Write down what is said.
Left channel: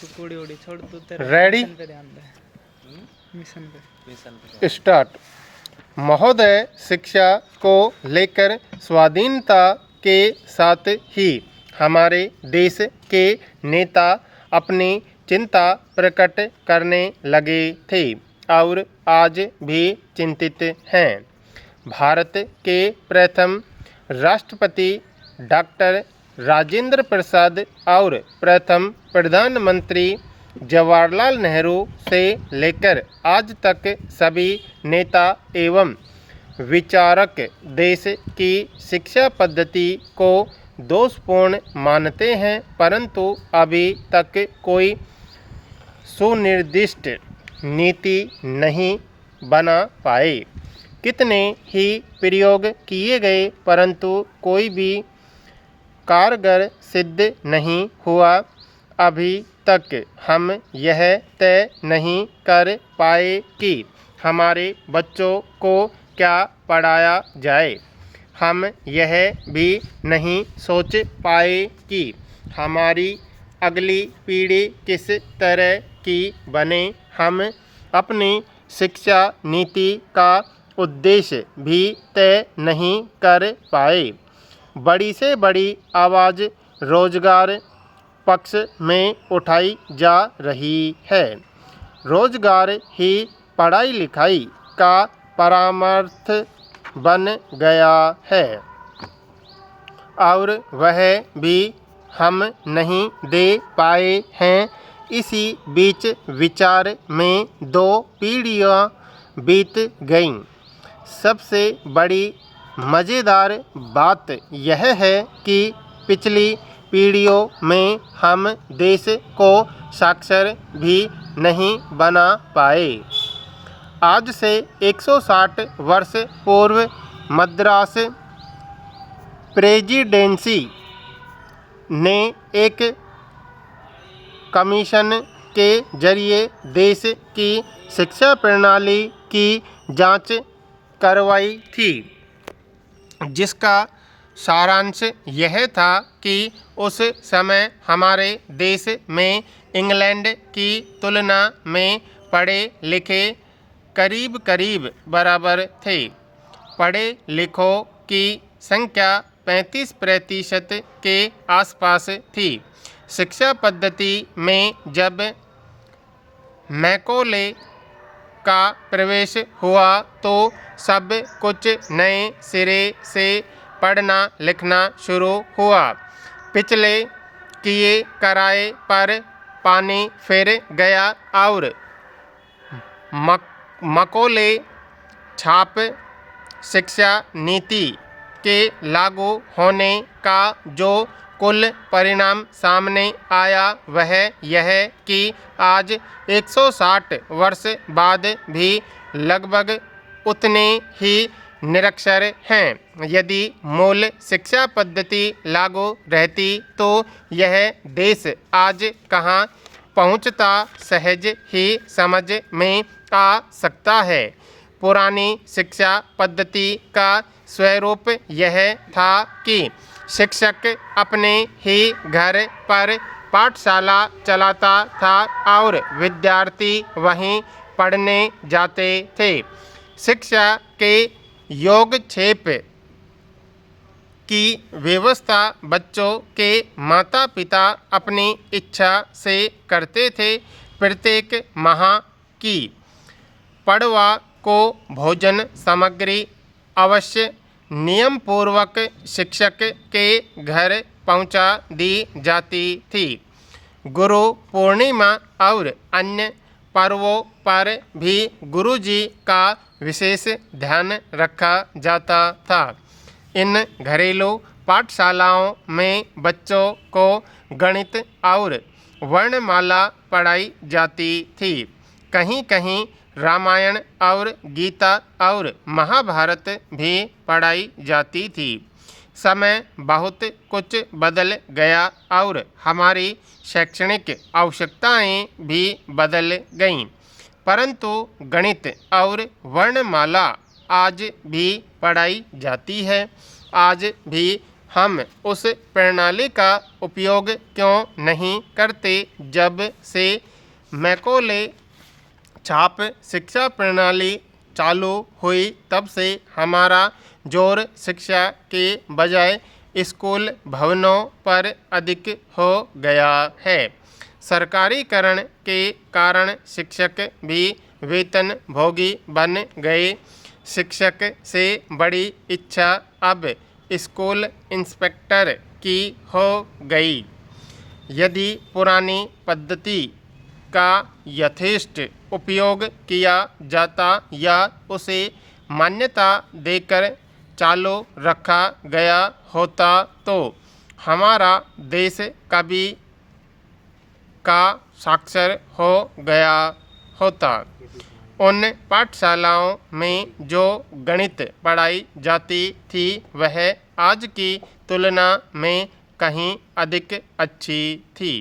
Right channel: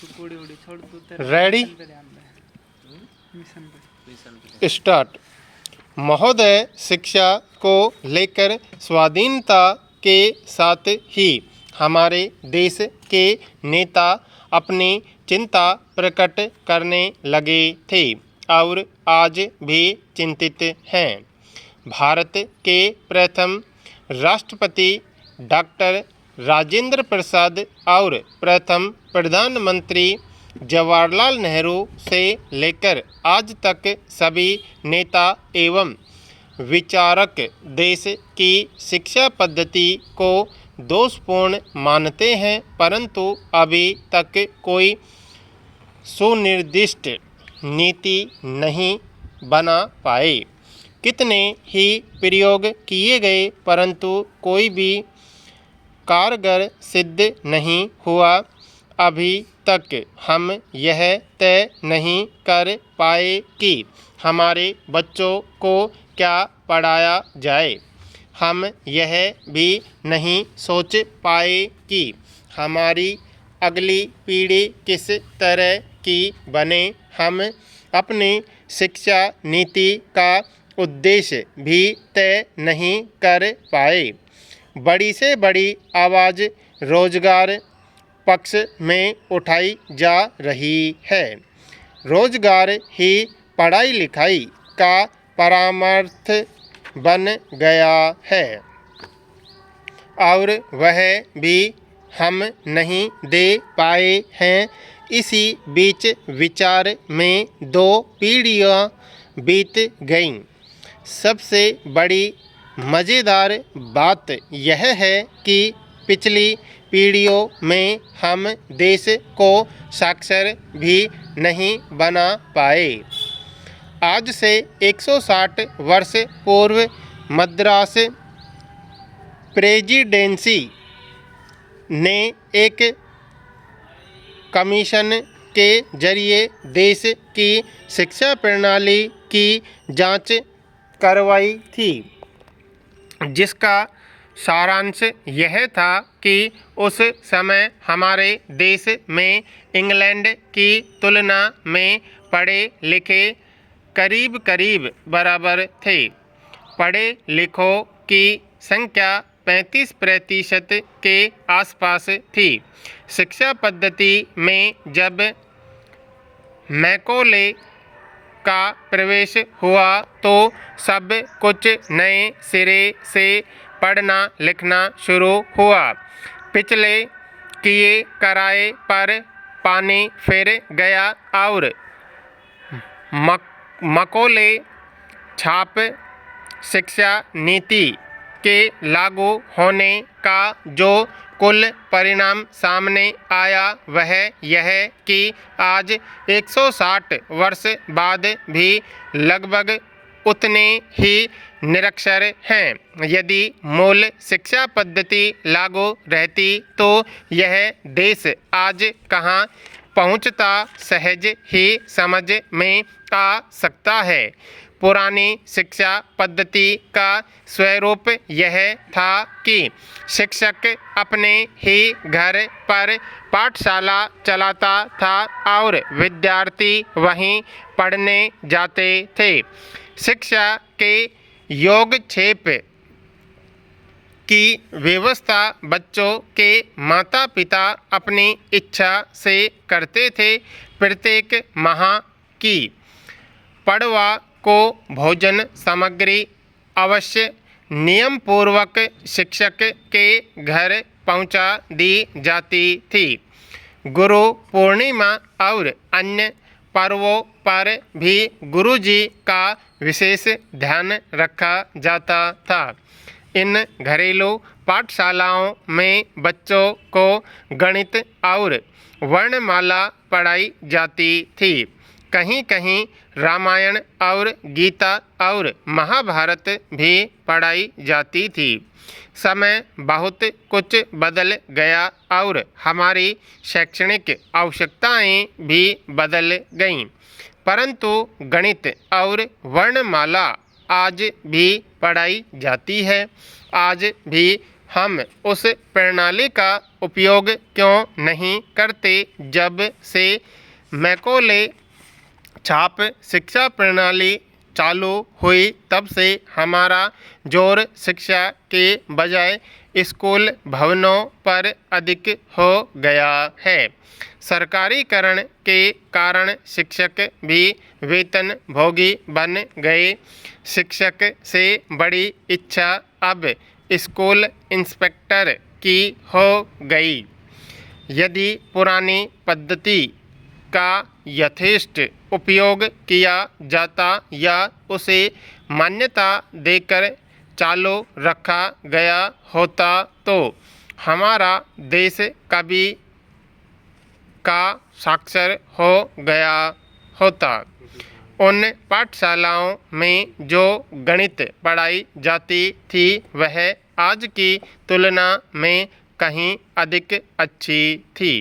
कुड़ी उड़ी छोड़ दो, तेरा रेडी मिशन पे ध्यान दे, मिशन पे। स्टार्ट। महोदय, शिक्षा को लेकर स्वाधीनता के साथ ही हमारे देश के नेता अपनी चिंता प्रकट करने लगे थे और आज भी चिंतित हैं। भारत के प्रथम राष्ट्रपति डॉक्टर राजेंद्र प्रसाद और प्रथम प्रधानमंत्री जवाहरलाल नेहरू से लेकर आज तक सभी नेता एवं विचारक देश की शिक्षा पद्धति को दोषपूर्ण मानते हैं, परंतु अभी तक कोई सुनिर्दिष्ट नीति नहीं बना पाए। कितने ही प्रयोग किए गए, परंतु कोई भी कारगर सिद्ध नहीं हुआ। अभी तक हम यह तय नहीं कर पाए कि हमारे बच्चों को क्या पढ़ाया जाए। हम यह भी नहीं सोच पाए कि हमारी अगली पीढ़ी किस तरह की बने। हम अपनी शिक्षा नीति का उद्देश्य भी तय नहीं कर पाए। बड़ी से बड़ी आवाज़ रोजगार पक्ष में उठाई जा रही है। रोजगार ही पढ़ाई लिखाई का परमार्थ बन गया है और वह भी हम नहीं दे पाए हैं। इसी बीच विचार में 2 पीढ़ियाँ बीत गईं। सबसे बड़ी मज़ेदार बात यह है कि पिछली पीढ़ियों में हम देश को साक्षर भी नहीं बना पाए। आज से 160 वर्ष पूर्व मद्रास प्रेसिडेंसी ने एक कमीशन के जरिए देश की शिक्षा प्रणाली की जांच करवाई थी, जिसका सारांश यह था कि उस समय हमारे देश में इंग्लैंड की तुलना में पढ़े लिखे करीब करीब बराबर थे। पढ़े लिखों की संख्या 35% के आसपास थी। शिक्षा पद्धति में जब मैकॉले का प्रवेश हुआ तो सब कुछ नए सिरे से पढ़ना लिखना शुरू हुआ। पिछले किए कराए पर पानी फिर गया और मैकॉले छाप शिक्षा नीति के लागू होने का जो कुल परिणाम सामने आया वह यह कि आज 160 वर्ष बाद भी लगभग उतने ही निरक्षर हैं। यदि मूल शिक्षा पद्धति लागू रहती तो यह देश आज कहाँ पहुँचता सहज ही समझ में आ सकता है। पुरानी शिक्षा पद्धति का स्वरूप यह था कि शिक्षक अपने ही घर पर पाठशाला चलाता था और विद्यार्थी वहीं पढ़ने जाते थे। शिक्षा के योगक्षेप की व्यवस्था बच्चों के माता पिता अपनी इच्छा से करते थे। प्रत्येक माह की पड़वा को भोजन सामग्री अवश्य नियम पूर्वक शिक्षक के घर पहुंचा दी जाती थी। गुरु पूर्णिमा और अन्य पर्वों पर भी गुरुजी का विशेष ध्यान रखा जाता था। इन घरेलू पाठशालाओं में बच्चों को गणित और वर्णमाला पढ़ाई जाती थी। कहीं कहीं रामायण और गीता और महाभारत भी पढ़ाई जाती थी। समय बहुत कुछ बदल गया और हमारी शैक्षणिक आवश्यकताएं भी बदल गईं, परंतु गणित और वर्णमाला आज भी पढ़ाई जाती है। आज भी हम उस प्रणाली का उपयोग क्यों नहीं करते जब से मैकॉले छाप शिक्षा प्रणाली चालू हुई तब से हमारा जोर शिक्षा के बजाय स्कूल भवनों पर अधिक हो गया है। सरकारीकरण के कारण शिक्षक भी वेतन भोगी बन गए। शिक्षक से बड़ी इच्छा अब स्कूल इंस्पेक्टर की हो गई। यदि पुरानी पद्धति का यथेष्ट उपयोग किया जाता या उसे मान्यता देकर चालू रखा गया होता तो हमारा देश कभी का साक्षर हो गया होता। उन पाठशालाओं में जो गणित पढ़ाई जाती थी वह आज की तुलना में कहीं अधिक अच्छी थी।